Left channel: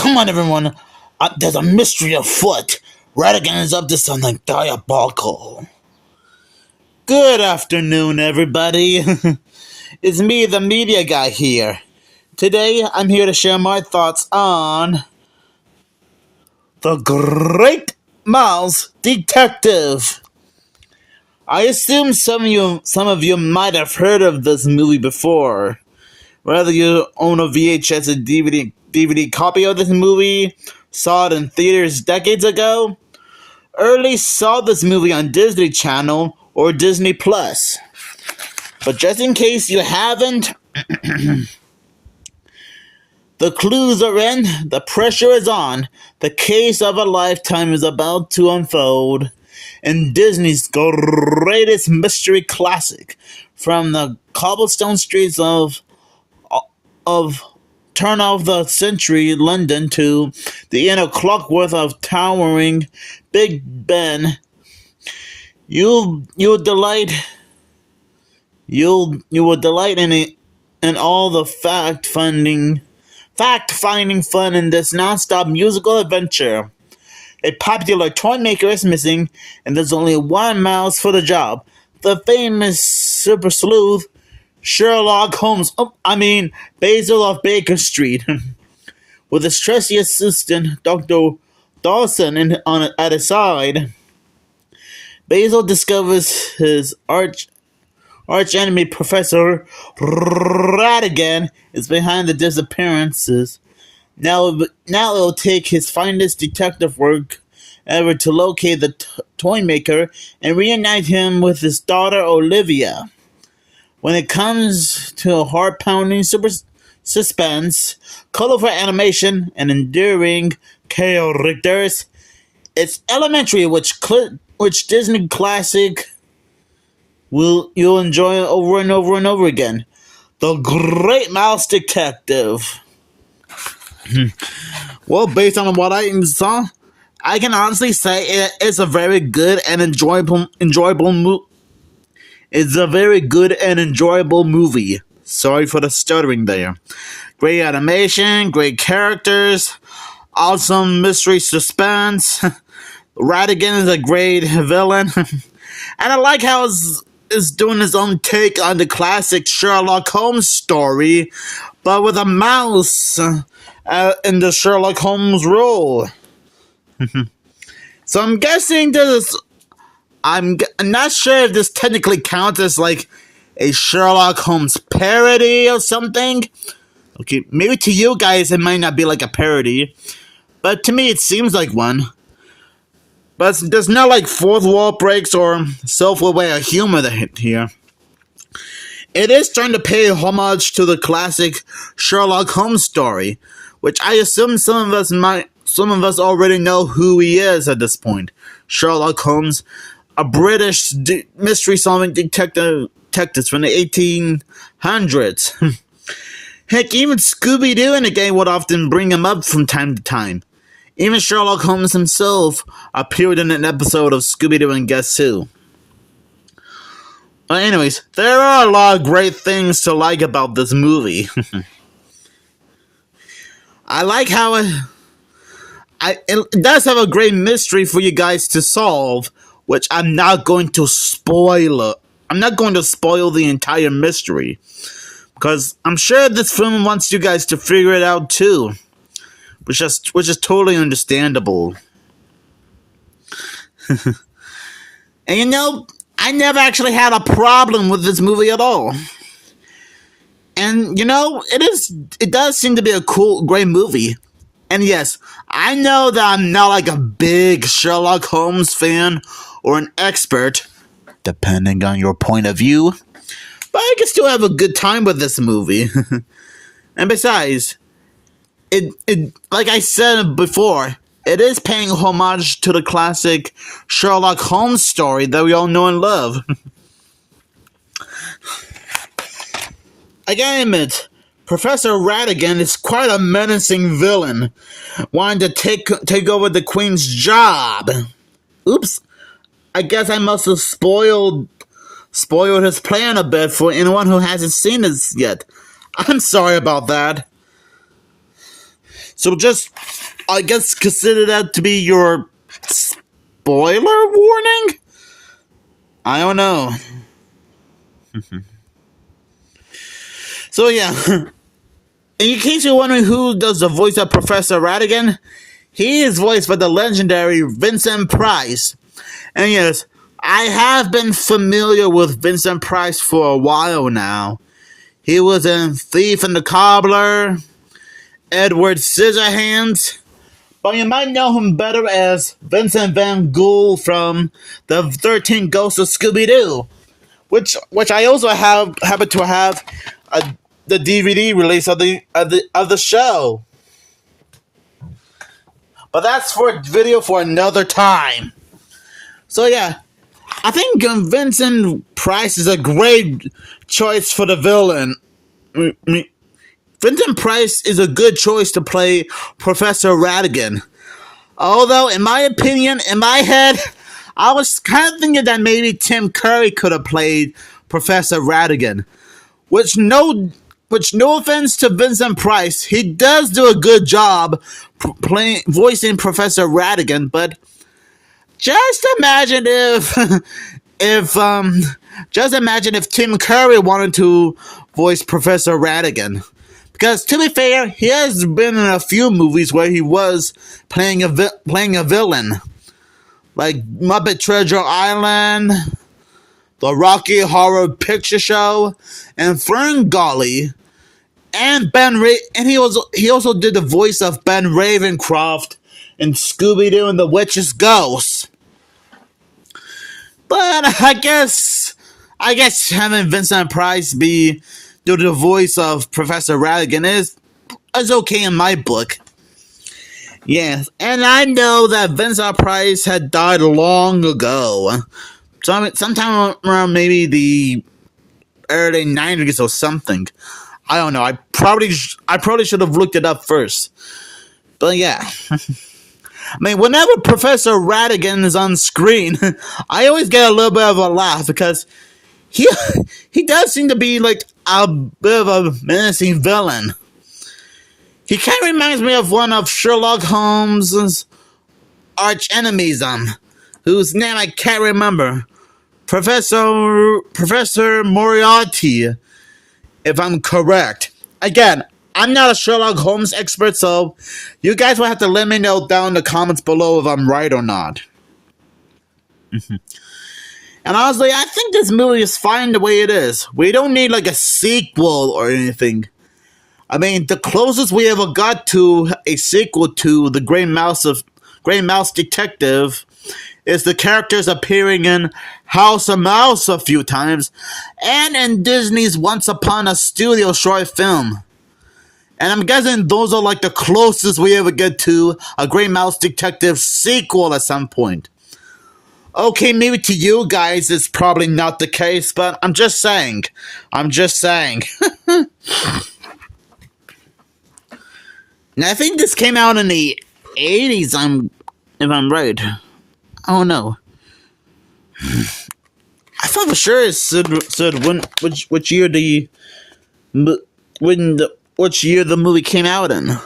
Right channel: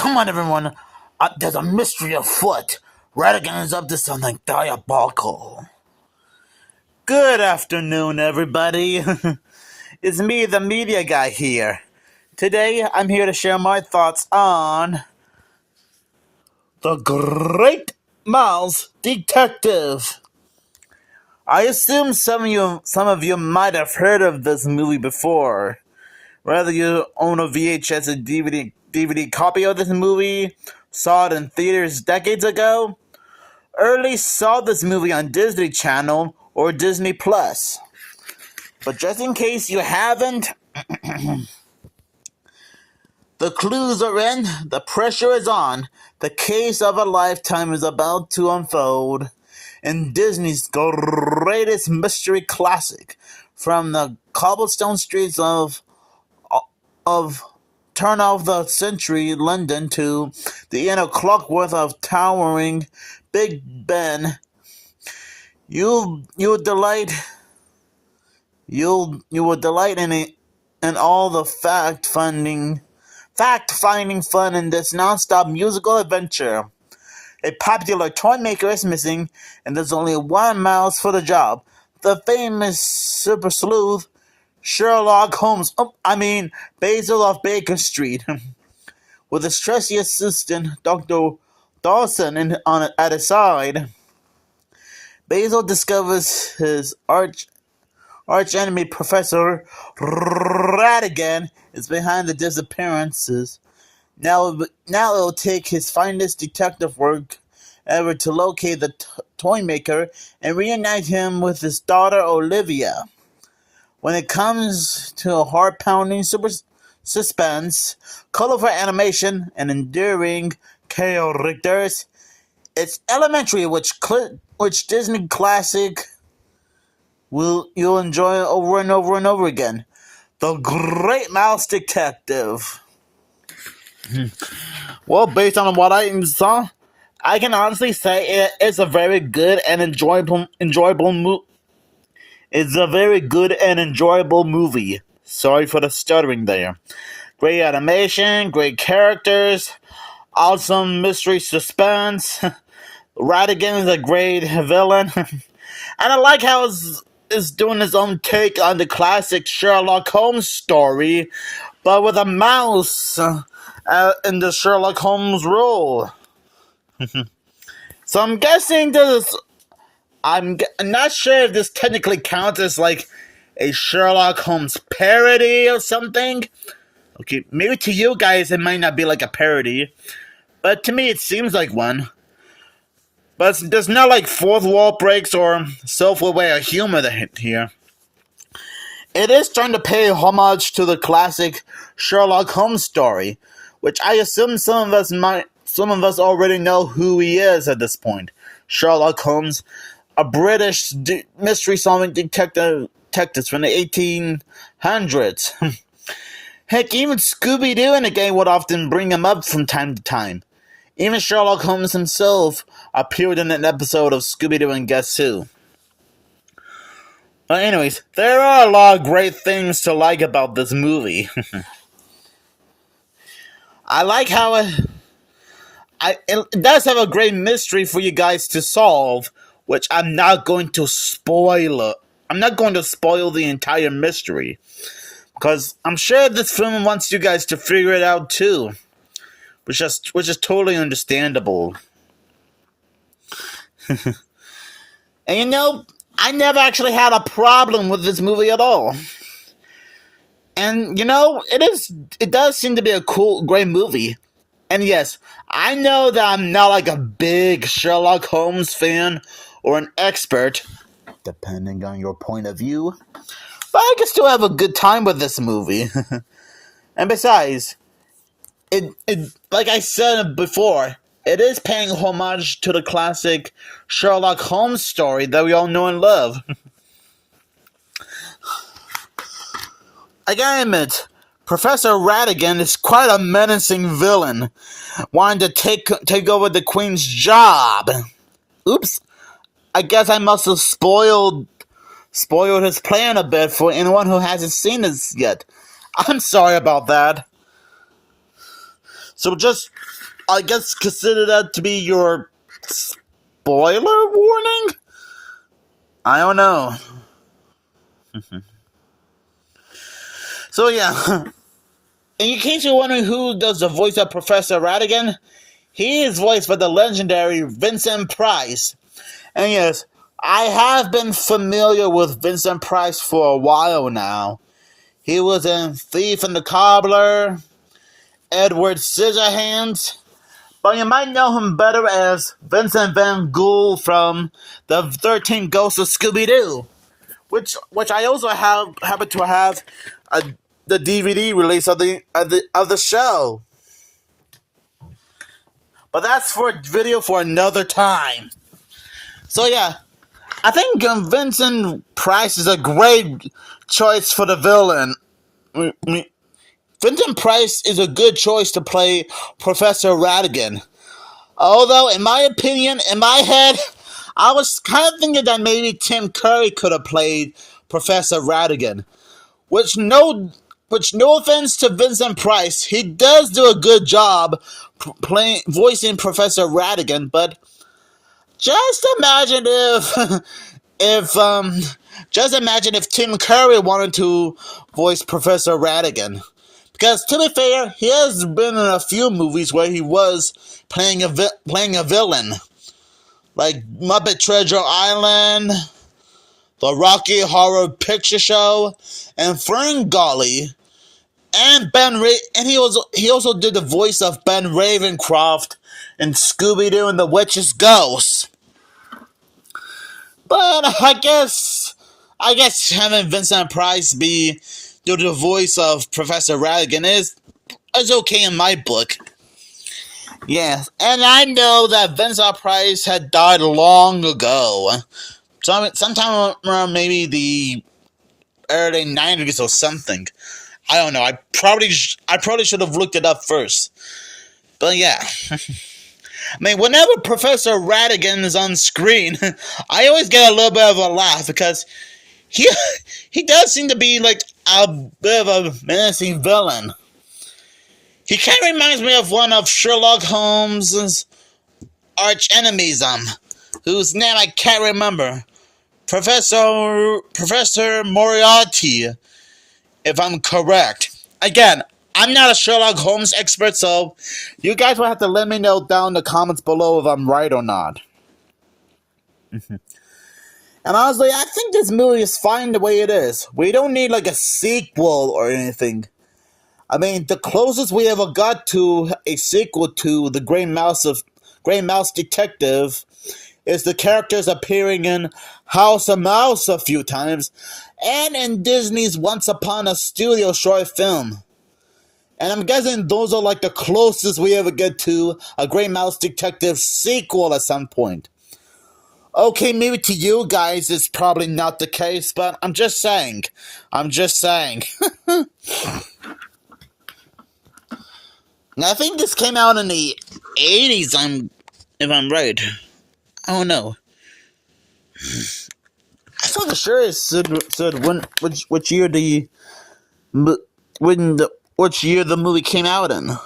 Come on, everyone. There's a mystery afoot. Radigan is up to something diabolical. Good afternoon, everybody. It's me, the media guy here. Today, I'm here to share my thoughts on The Great Mouse Detective. I assume some of you might have heard of this movie before. Whether you own a VHS or DVD copy of this movie, saw it in theaters decades ago, early saw this movie on Disney Channel or Disney Plus. But just in case you haven't, the clues are in, the pressure is on, the case of a lifetime is about to unfold in Disney's greatest mystery classic, from the cobblestone streets of turn of the century London to the inner clockwork of towering Big Ben. You will delight in all the fact-finding fun in this non-stop musical adventure. A popular toy maker is missing, and there's only one mouse for the job. The famous super sleuth, Sherlock Holmes, Basil of Baker Street, with his trusty assistant, Dr. Dawson, at his side. Basil discovers his arch enemy, Professor Radigan, is behind the disappearances. Now it'll take his finest detective work ever to locate the toy maker and reunite him with his daughter Olivia. When it comes to heart-pounding super suspense, colorful animation, and endearing characters, it's elementary, which Disney classic you'll enjoy over and over and over again. The Great Mouse Detective. Well, based on what I saw, I can honestly say it's a very good and enjoyable movie. It's a very good and enjoyable movie. Sorry for the stuttering there. Great animation, great characters, awesome mystery suspense. Radigan is a great villain. And I like how it's doing his own take on the classic Sherlock Holmes story, but with a mouse in the Sherlock Holmes role. So I'm guessing I'm not sure if this technically counts as like a Sherlock Holmes parody or something. Okay, maybe to you guys it might not be like a parody, but to me it seems like one. But there's no like fourth wall breaks or self-aware humor here. It is trying to pay homage to the classic Sherlock Holmes story, which I assume some of us already know who he is at this point. Sherlock Holmes, a British mystery-solving detective from the 1800s. Heck, even Scooby-Doo in the game would often bring him up from time to time. Even Sherlock Holmes himself appeared in an episode of Scooby-Doo and Guess Who. But anyways, there are a lot of great things to like about this movie. I like how it does have a great mystery for you guys to solve, which I'm not going to spoil. I'm not going to spoil the entire mystery, because I'm sure this film wants you guys to figure it out too, which is totally understandable. And I never actually had a problem with this movie at all. And it does seem to be a great movie. And yes, I know that I'm not like a big Sherlock Holmes fan or an expert, depending on your point of view, but I can still have a good time with this movie. And besides, it like I said before, it is paying homage to the classic Sherlock Holmes story that we all know and love. I gotta admit, Professor Radigan is quite a menacing villain, wanting to take over the Queen's job. Oops, I guess I must have spoiled his plan a bit for anyone who hasn't seen this yet. I'm sorry about that. So just I guess consider that to be your spoiler warning? I don't know. So yeah, in case you're wondering who does the voice of Professor Ratigan, he is voiced by the legendary Vincent Price. And yes, I have been familiar with Vincent Price for a while now. He was in Thief and the Cobbler, Edward Scissorhands, but you might know him better as Vincent Van Gogh from the 13 Ghosts of Scooby-Doo, which I also happen to have the DVD release of the show. But that's for a video for another time. So yeah, I think Vincent Price is a great choice for the villain. Vincent Price is a good choice to play Professor Ratigan. Although, in my opinion, in my head, I was kind of thinking that maybe Tim Curry could have played Professor Ratigan. Which no offense to Vincent Price, he does do a good job voicing Professor Ratigan, but just imagine if Tim Curry wanted to voice Professor Ratigan. Because to be fair, he has been in a few movies where he was playing a villain, like Muppet Treasure Island, The Rocky Horror Picture Show, and Ferngully, and he also did the voice of Ben Ravencroft in Scooby-Doo and the Witch's Ghost. But I guess having Vincent Price do the voice of Professor Ratigan is okay in my book. Yes, and I know that Vincent Price had died long ago. Sometime around maybe the early 90s or something. I don't know. I probably should have looked it up first. But yeah. I mean, whenever Professor Ratigan is on screen, I always get a little bit of a laugh because he does seem to be like a bit of a menacing villain. He kind of reminds me of one of Sherlock Holmes' arch enemies, whose name I can't remember. Professor Moriarty, if I'm correct. Again, I'm not a Sherlock Holmes expert, so you guys will have to let me know down in the comments below if I'm right or not. And honestly, I think this movie is fine the way it is. We don't need like a sequel or anything. I mean, the closest we ever got to a sequel to The Grey Mouse Detective is the characters appearing in House of Mouse a few times, and in Disney's Once Upon a Studio short film. And I'm guessing those are like the closest we ever get to a Grey Mouse Detective sequel at some point. Okay, maybe to you guys it's probably not the case, but I'm just saying. And I think this came out in the 80s, if I'm right. Oh no. I thought for sure it said which year the movie came out in.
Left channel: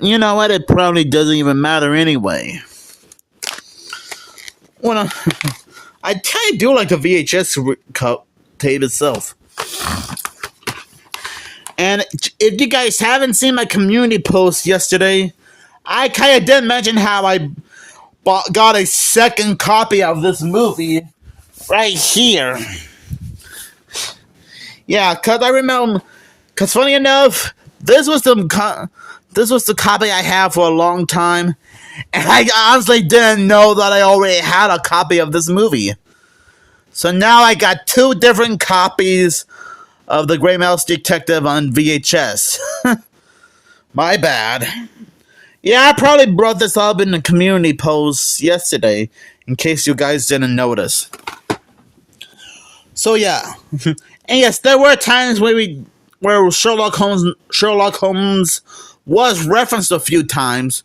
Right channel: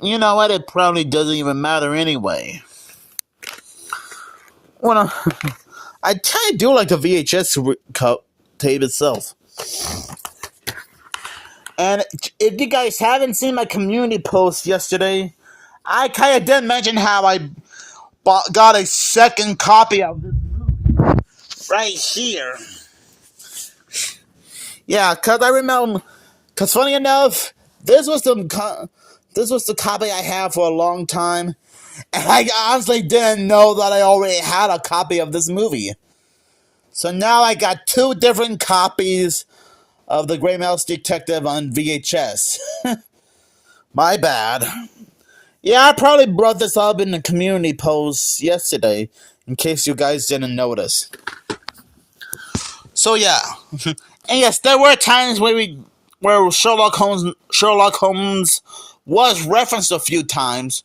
You know what? It probably doesn't even matter anyway. Well, I kind of do like the VHS tape itself. And if you guys haven't seen my community post yesterday, I kind of did mention how I got a second copy of this movie right here. Yeah, because funny enough, this was the copy I had for a long time, and I honestly didn't know that I already had a copy of this movie. So now I got two different copies of The Grey Mouse Detective on VHS. My bad. Yeah, I probably brought this up in the community post yesterday, in case you guys didn't notice. So yeah, and yes, there were times where Sherlock Holmes was referenced a few times.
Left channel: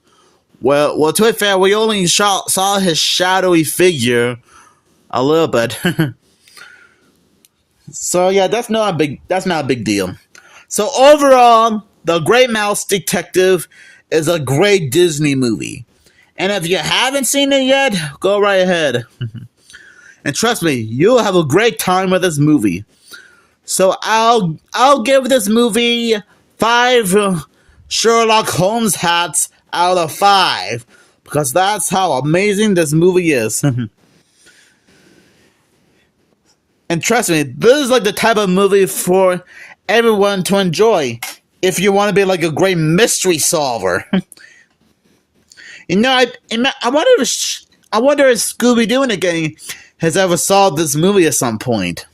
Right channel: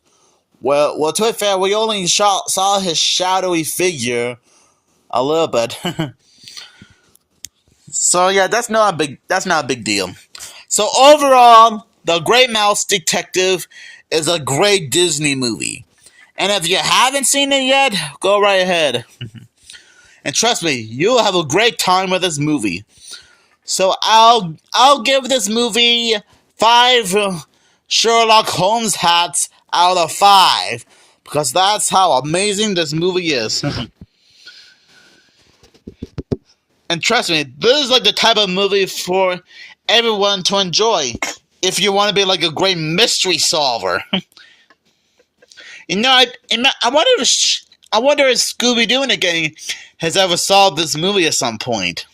Well, to be fair, we only saw his shadowy figure a little bit. So yeah, that's not a big deal. So overall, The Great Mouse Detective is a great Disney movie. And if you haven't seen it yet, go right ahead. And trust me, you'll have a great time with this movie. So I'll give this movie 5 Sherlock Holmes hats out of 5 because that's how amazing this movie is. And trust me, this is like the type of movie for everyone to enjoy if you want to be like a great mystery solver. I wonder if Scooby-Doo and the gang has ever solved this movie at some point.